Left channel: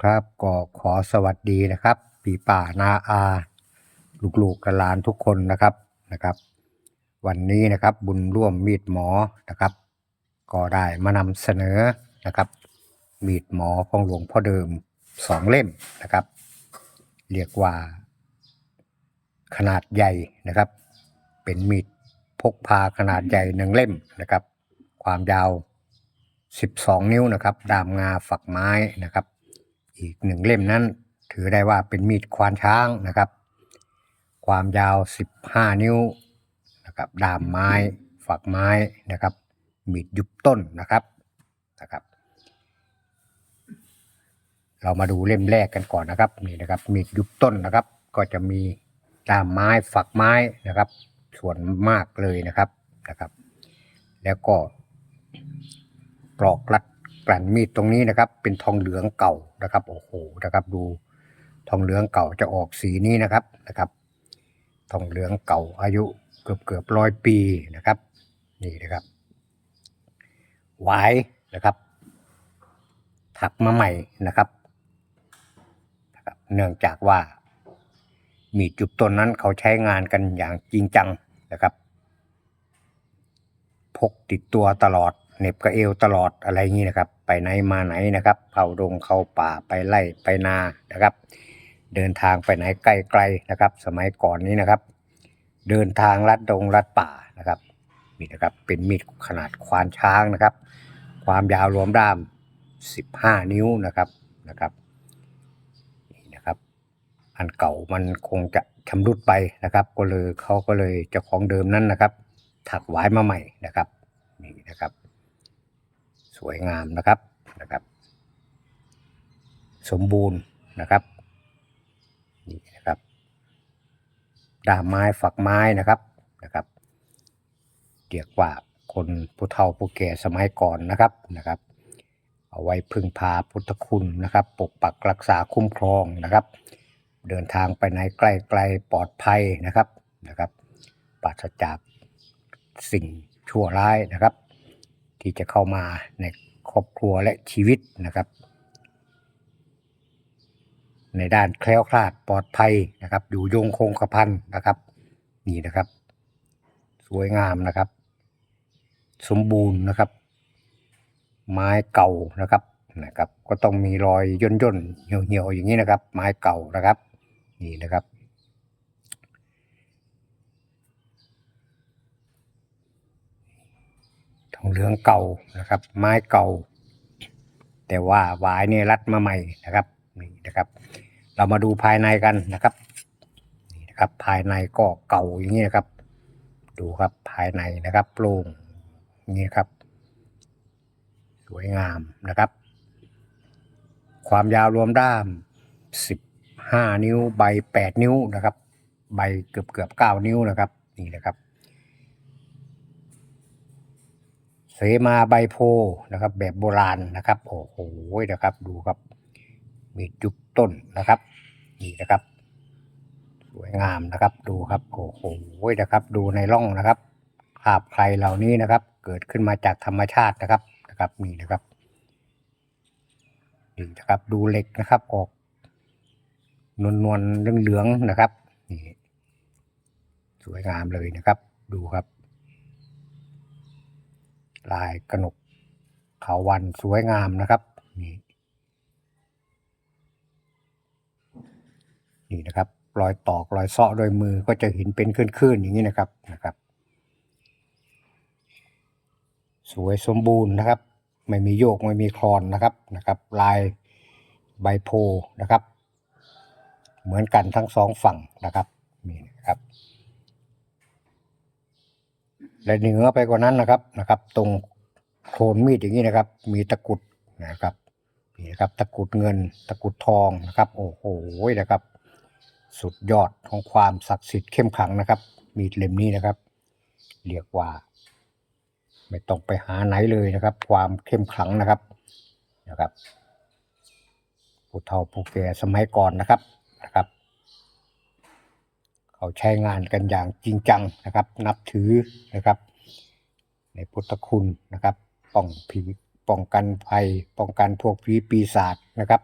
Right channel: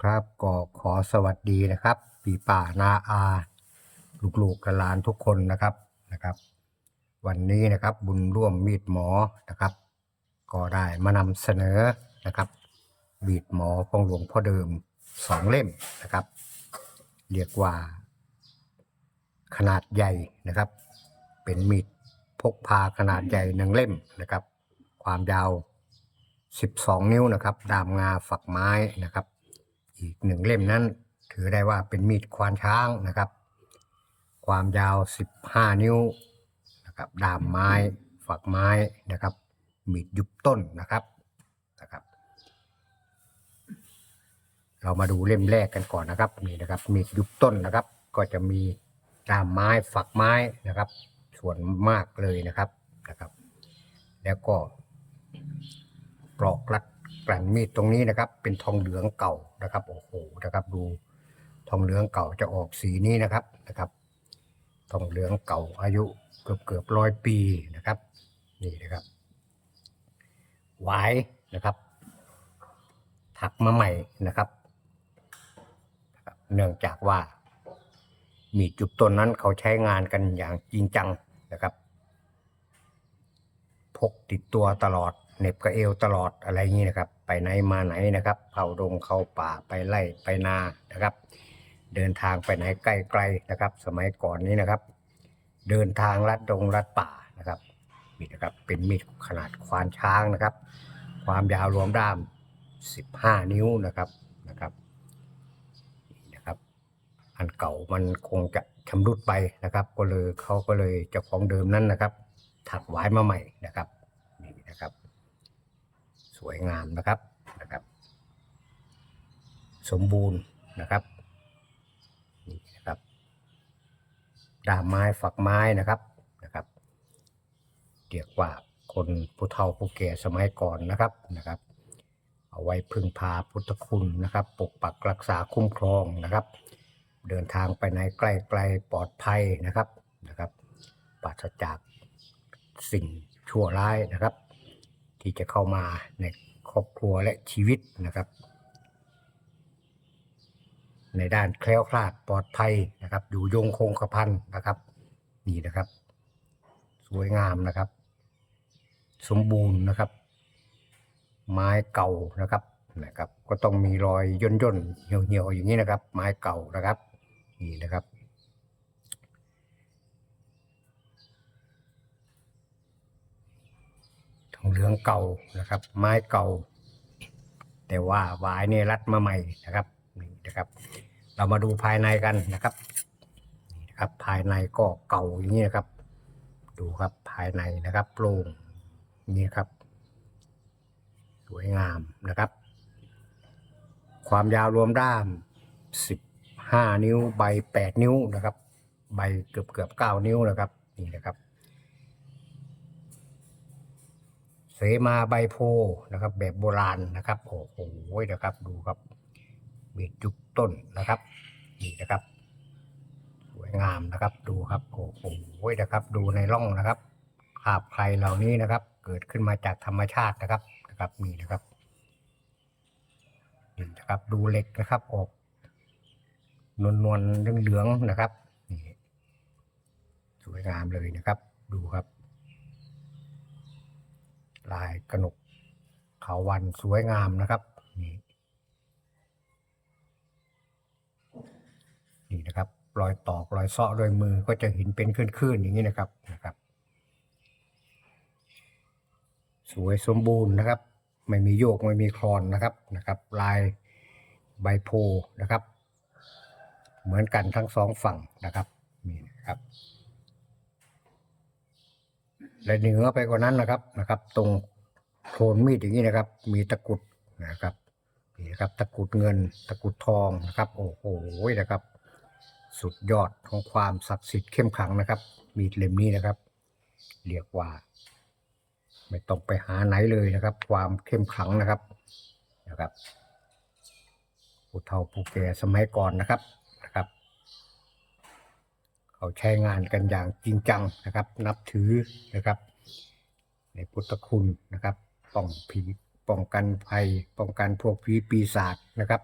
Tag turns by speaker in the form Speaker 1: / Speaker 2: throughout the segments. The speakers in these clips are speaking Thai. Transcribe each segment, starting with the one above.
Speaker 1: ครับก็ขอสวัสดีนะครับ ปีป่านาอาลูกๆกับหลานทุกคนนะครับนะครับ วันนี้นะครับบุญร่วมมีดหมอนะครับ ก็ได้มานำเสนอนะครับ มีดหมอของหลวงพ่อเดิมสองเล่มนะครับ เรียกว่า ขนาดใหญ่นะครับ เป็นมีดพกพาขนาดใหญ่หนึ่งเล่มนะครับ ความยาว 12 นิ้วนะครับ ดามงาฝักไม้นะครับ อีกหนึ่งเล่มนั้น ถือได้ว่าเป็นมีดควานช้างนะครับ ความยาว 15 นิ้วนะครับดามไม้ฝักไม้นะครับ มีดยุบต้นนะครับนะครับ เรามาดูเล่มแรกกันก่อนนะครับนี่นะครับ มีดยุบต้นนะครับ ก็จะมีดามไม้ฝักไม้นะครับ ส่วนมากเลยนะครับนะครับ แล้วก็ปลอกรัดกลั่นมีดตรงนี้นะครับ เป็นทองเหลืองเก่า นะครับโอ้โหนะครับดูทองเหลืองเก่าจะออกสีนี้นะครับนะครับ ทองเหลืองเก่าอายุเกือบเกือบร้อยปีนะครับนี่นะครับหวายนะครับ ถักมาใหม่นะครับเนื่องจากว่า มีจุบต้นนั้นเขาใช้งานกันอย่างจริงจังนะครับ พกติดตัวตลอด เน็บกระเอวตลอดอะไรอย่างนี้นะครับ ไปไหนมาไหนนะครับเข้าดงเข้าป่าไปไล่ไปนานะครับ เดินทางไปไหนไกลๆนะครับ สมัยก่อนนี้นะครับ เดินทางลัดดงลัดป่านะครับนี่นะครับเป็นมีดขนาดควานช้างนะครับ ความยาวรวมด้าม 15 นิ้วนะครับนะครับนี่นะครับ อันเก่ามันคงจะชำรุดไปนะครับ ก็เลยเขาก็เลยเจ้าของเดิมนั้นนะครับ ถักไว้มาใหม่นะครับนี่นะครับ สวยงามนะครับนะครับ สมบูรณ์นะครับนี่นะครับดามไม้ฝักไม้นะครับนะครับเรียกว่าคนผู้เฒ่าผู้แก่สมัยก่อนนะครับนะครับ เอาไว้พึ่งพาพุทธคุณนะครับ ปกปักรักษาคุ้มครองนะครับ เดินทางไปไหนใกล้ๆปลอดภัยนะครับนะครับปราศจากสิ่งชั่วร้ายนะครับ ที่จะเข้ามาในครอบครัวและชีวิตนะครับ ในด้านแคล้วคลาดปลอดภัยนะครับ อยู่ยงคงกระพันนะครับนี่นะครับ สวยงามนะครับ สมบูรณ์นะครับ ไม้เก่านะครับนะครับ ก็ต้องมีรอยย่นย่นๆเหี่ยวเหี่ยวๆอย่างนี้นะครับ ไม้เก่านะครับ นี่นะครับ ทอง เหลืองเก่านะครับ ไม้เก่า แต่ว่าหวายเนี่ยรัดมาใหม่นะครับนี่นะครับ เรามาดูภายในกันนะครับนี่นะครับ ภายในก็เก่าอย่างนี้นะครับ ดูครับภายในนะครับโปร่งอย่นี่ครับ สวยงามนะครับ ความยาวรวมด้าม 15 นิ้วใบ 8 นิ้วนะครับ ใบเกือบเกือบ9นิ้วนะครับ นี่นะครับ เสมาใบโพนะครับ แบบโบราณนะครับโอ้โหนะครับดูครับมีจุบต้นนะครับนี่นะครับ สวยงามนะครับดูครับโอ้โหนะครับ ดูในร่องนะครับคราบใครเหล่านี้นะครับ เกิดขึ้นมาจากธรรมชาตินะครับนะครับนี่นะครับนี่นะครับดูเหล็กนะครับออกนวลนวลๆเหลืองๆนะครับนี่สวยงามเลยนะครับ ดูครับ ลายกระหนกเถาวันสวยงามนะครับ นี่นี่นะครับรอยตอกรอยเซาะด้วยมือก็จะเห็นเป็นคลื่นๆอย่างนี้นะครับนะครับ สวยสมบูรณ์นะครับ ไม่มีโยกไม่มีคลอนนะครับนะครับ ลายใบโพนะครับ เหมือนกันทั้งสองฝั่งนะครับนี่นะครับ และเหนือไปกว่านั้นนะครับนะครับ ตรงโคนมีดอย่างนี้นะครับ มีตะกุดนะครับนี่นะครับตะกุดเงินตะกุดทองนะครับ โอ้โหนะครับ สุดยอดของความศักดิ์สิทธิ์เข้มขังนะครับ มีดเล่มนี้นะครับ เรียกว่า ไม่ต้องไปหาไหนเลยนะครับ ความเข้มขังนะครับนะครับผู้เฒ่าผู้แก่สมัยก่อนนะครับนะครับ เขาใช้งานกันอย่างจริงจังนะครับ นับถือนะครับ ในพุทธคุณนะครับป้องผีป้องกันภัย ป้องกันพวกผีปีศาจนะครับ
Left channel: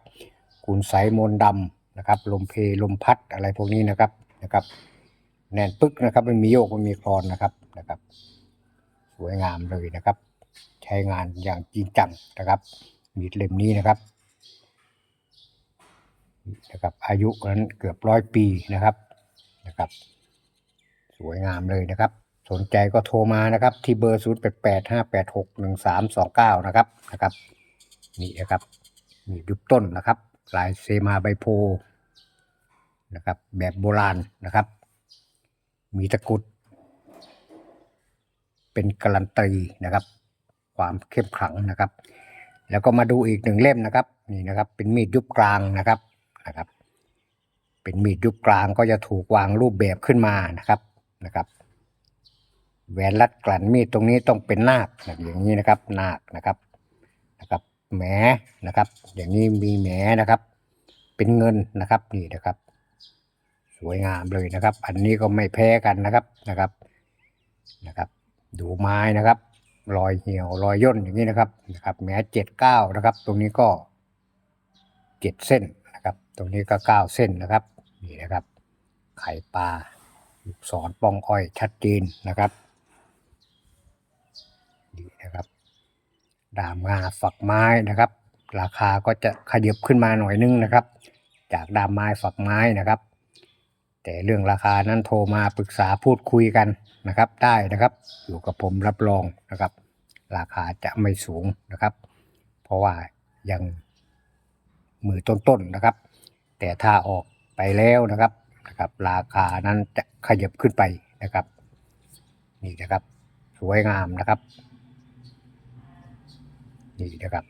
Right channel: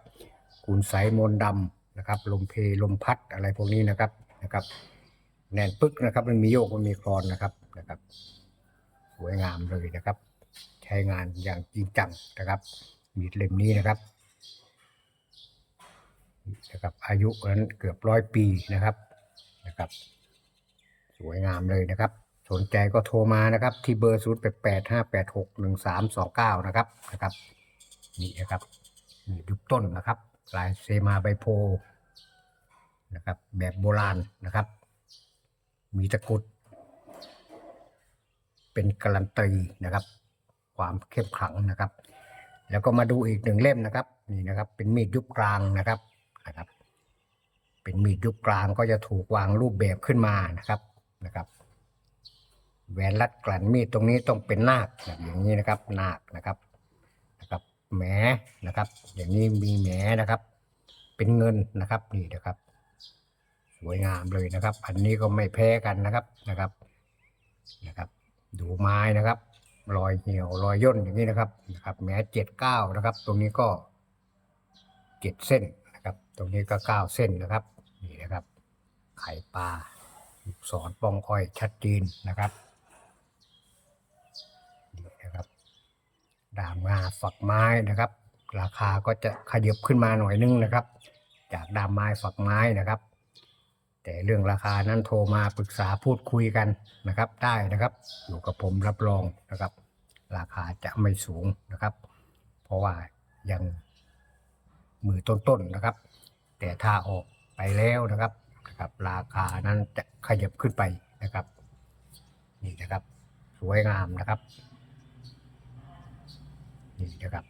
Speaker 1: คุณไสยมนดำนะครับ ลมเพลลมพัดอะไรพวกนี้นะครับนะครับแน่นปึ๊กนะครับไม่มีโยกไม่มีคลอนนะครับนะครับ สวยงามเลยนะครับ ใช้งานอย่างจริงจังนะครับ มีดเล่มนี้นะครับนะครับอายุนั้นเกือบร้อยปีนะครับ นะครับ สวยงามเลยนะครับ สนใจก็โทรมานะครับ ที่เบอร์ 0 8 8 5 8 6 1 3 2 9 นะครับนะครับนี่นะครับนี่ยุบต้นนะครับลายเซมาใบโพนะครับ แบบโบราณนะครับ มีตะกุด เป็นการันตีนะครับ ความเข้มขลังนะครับ แล้วก็มาดูอีกหนึ่งเล่มนะครับ นี่นะครับ เป็นมีดยุบกลางนะครับนะครับ เป็นมีดยุบกลางก็จะถูกวางรูปแบบขึ้นมานะครับนะครับแหวนรัดกลั่นมีดตรงนี้ต้องเป็นนาคแบบอย่างนี้นะครับนาคนะครับนะครับแหมนะครับ อย่างนี้มีแหมนะครับ เป็นเงินนะครับนี่นะครับ สวยงามเลยนะครับ อันนี้ก็ไม่แพ้กันนะครับนะครับนะครับ ดูไม้นะครับ รอยเหี่ยวรอยย่นอย่างนี้นะครับนะครับแหมเจ็ดเก้านะครับ ตรงนี้ก็เจ็ดเส้น ตรงนี้ก็เก้าเส้นนะครับ นี่นะครับ ไข่ปลาลูกศรปองอ้อยชัดเจนนะครับนี่นะครับ ดามงาฝักไม้นะครับ ราคาก็จะขยับขึ้นมาหน่อยนึงนะครับ จากดามไม้ฝักไม้นะครับ แต่เรื่องราคานั้นโทรมาปรึกษาพูดคุยกันนะครับ ได้นะครับ อยู่กับผมรับรองนะครับ ราคาจะไม่สูงนะครับ เพราะว่ายังมือต้นๆนะครับ แต่ถ้าออกไปแล้วนะครับนะครับ ราคานั้นจะขยับขึ้นไปนะครับ นี่นะครับ สวยงามนะครับ นี่นะครับ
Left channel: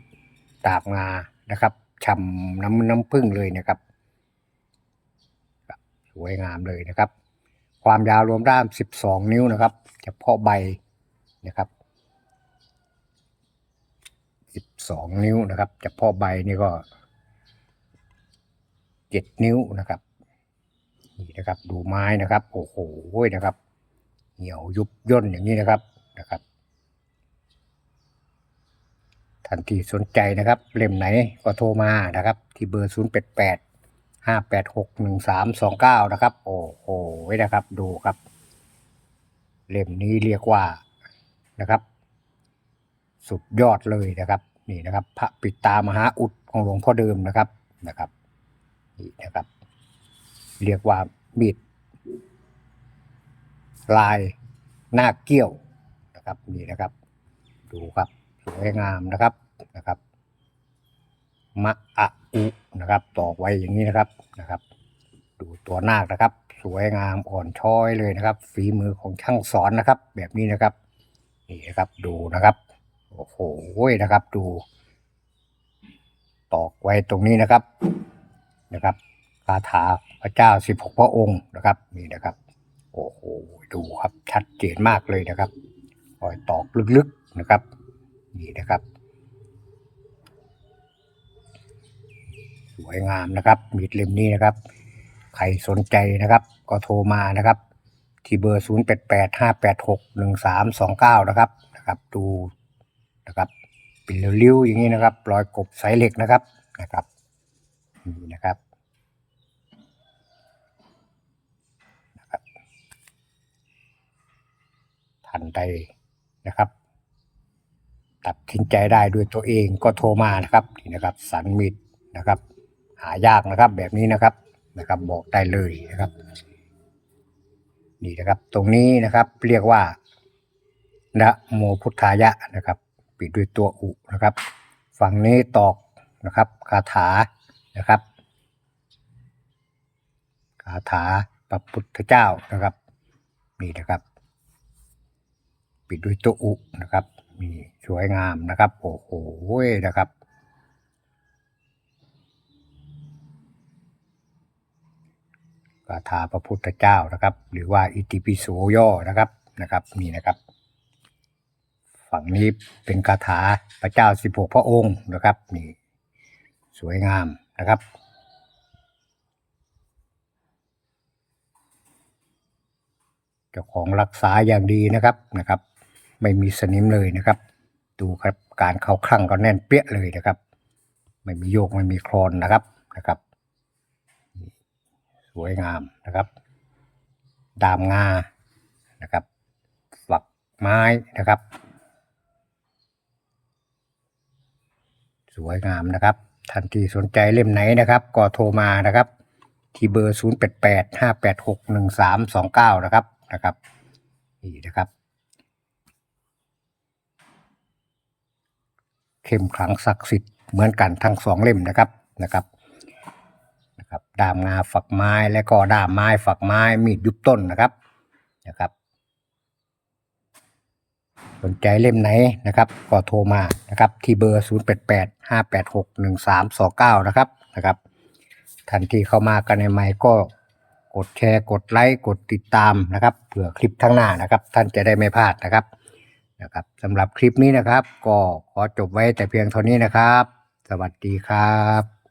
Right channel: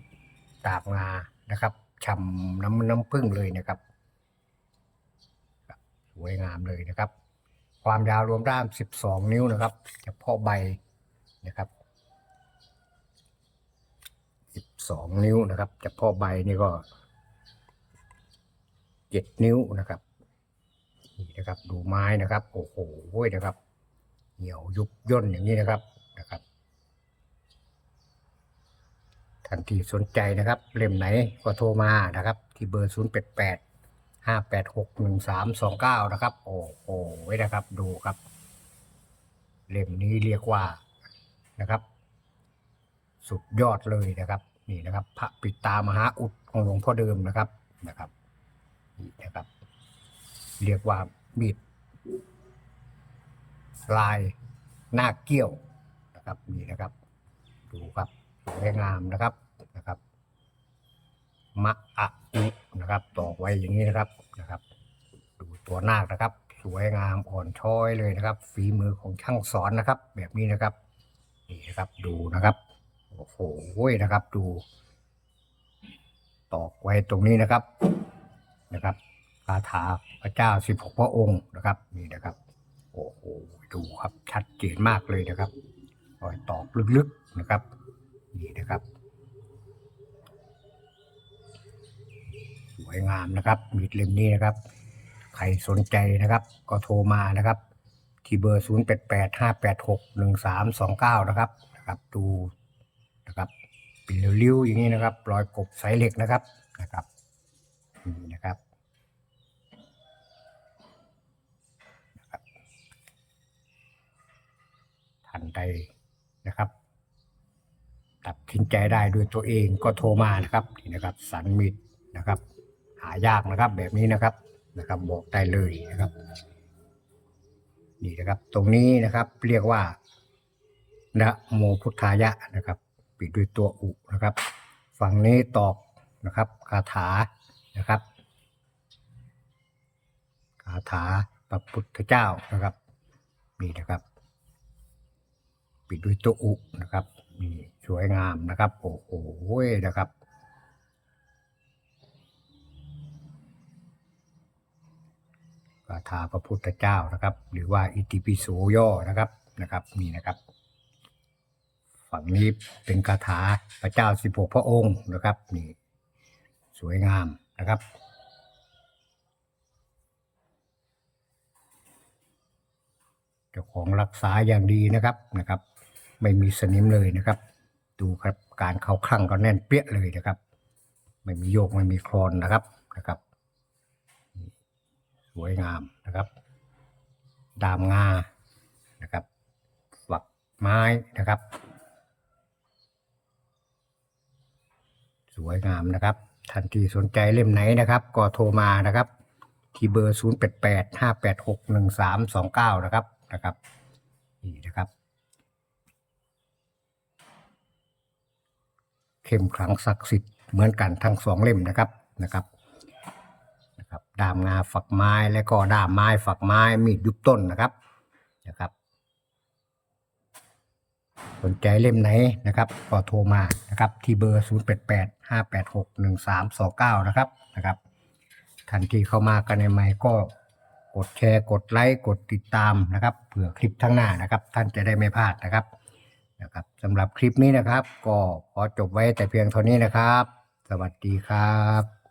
Speaker 1: ตาบงานะครับช่ำน้ำน้ำผึ้งเลยนะครับ สวยงามเลยนะครับ ความยาวรวมด้าม 12 นิ้วนะครับเฉพาะใบนะครับ12 นิ้วนะครับเฉพาะใบนี่ก็ 7นิ้วนะครับนี่นะครับ ดูไม้นะครับ โอ้โหนะครับ เหี่ยวยุบย่นอย่างนี้นะครับนะครับท่านที่สนใจนะครับ เล่มไหนก็โทรมานะครับ ที่เบอร์ 0 8 8 5 8 6 1 3 2 9 นะครับ โอ้โหนะครับดูครับ เล่มนี้เรียกว่านะครับ สุดยอดเลยนะครับ นี่นะครับ พระปิตามหาอุดของหลวงพ่อเดิมนะครับนะครับ นี่นะครับ เรียกว่ามีดลายหน้าเกี้ยวนะครับนี่นะครับ ดูครับสวยงามนะครับนะครับมะอะอุนะครับตอกไว้อย่างนี้นะครับนะครับ ดูตัวนาคนะครับ สวยงามอ่อนช้อยเลยนะครับ ฝีมือของช่างสอนนะครับ แบบนี้นะครับนี่นะครับดูนะครับโอ้โหนะครับ ดู ตอกไว้ตรงนี้นะครับ นะครับคาถาพระเจ้าสิบหกพระองค์นะครับนี่นะครับ โอ้โหดูครับชัดเจนมากเลยนะครับรอยตอกลึกๆนะครับ นี่นะครับ สวยงามนะครับ มีดเล่มนี้นะครับ ใครสนใจนะครับ ก็โทรมานะครับ ที่เบอร์ 0 8 8 5 8 6 1 3 2 9 นะครับนะครับ ดูนะครับเป็นริ้วๆอย่างนี้นะครับ รอยกบสายเหล็กนะครับนะครับ นี่นะครับนะครับทันใดนะครับ ตัดสินใจได้ด้วยตัวเองก็โทรมานะครับนี่นะครับ สันมิดนะครับ หายากนะครับแบบนี้นะครับนะครับ บอกได้เลยนะครับ นี่นะครับ ตรงนี้นะครับเรียกว่านะโมพุทธายะนะครับ ปิดด้วยตัวอุนะครับ ฝั่งนี้ตอกนะครับคาถา นะครับคาถาพระพุทธเจ้านะครับนี่นะครับ ปิดด้วยตัวอุนะครับนี่สวยงามนะครับ โอ้โหนะครับคาถาพระพุทธเจ้านะครับ หรือว่าอิติปิโสย่อนะครับนะครับนี่นะครับ ฝั่งนี้เป็นคาถาพระเจ้าสิบหกพระองค์นะครับนี่สวยงามนะครับ เจ้าของรักษาอย่างดีนะครับนะครับ ไม่มีสนิมเลยนะครับ ดูครับการเข้าคลั่งก็แน่นเปี้ยเลยนะครับ ไม่มีโยกไม่มีคลอนนะครับนะครับ สวยงามนะครับ ดามงานะครับฝักไม้นะครับ สวยงามนะครับ ท่านที่สนใจเล่มไหนนะครับ ก็โทรมานะครับ ที่เบอร์ 0 8 8 5 8 6 1 3 2 9 นะครับนะครับนี่นะครับ เข้มขลังศักดิ์สิทธิ์เหมือนกันทั้งสองเล่มนะครับนะครับนะครับดามงาฝักไม้และก็ดามไม้ฝักไม้มีดยุบต้นนะครับนะครับ สนใจเล่มไหนนะครับก็โทรมานะครับที่เบอร์ 0 8 8 5 8 6 1 3 2 9 นะครับนะครับทันทีเข้ามากันในใหม่ก็กดแชร์กดไลค์กดติดตามนะครับเผื่อคลิปข้างหน้านะครับ ท่านจะได้ไม่พลาดนะครับนะครับสำหรับคลิปนี้นะครับ ก็ขอจบไว้แต่เพียงเท่านี้นะครับ สวัสดีครับ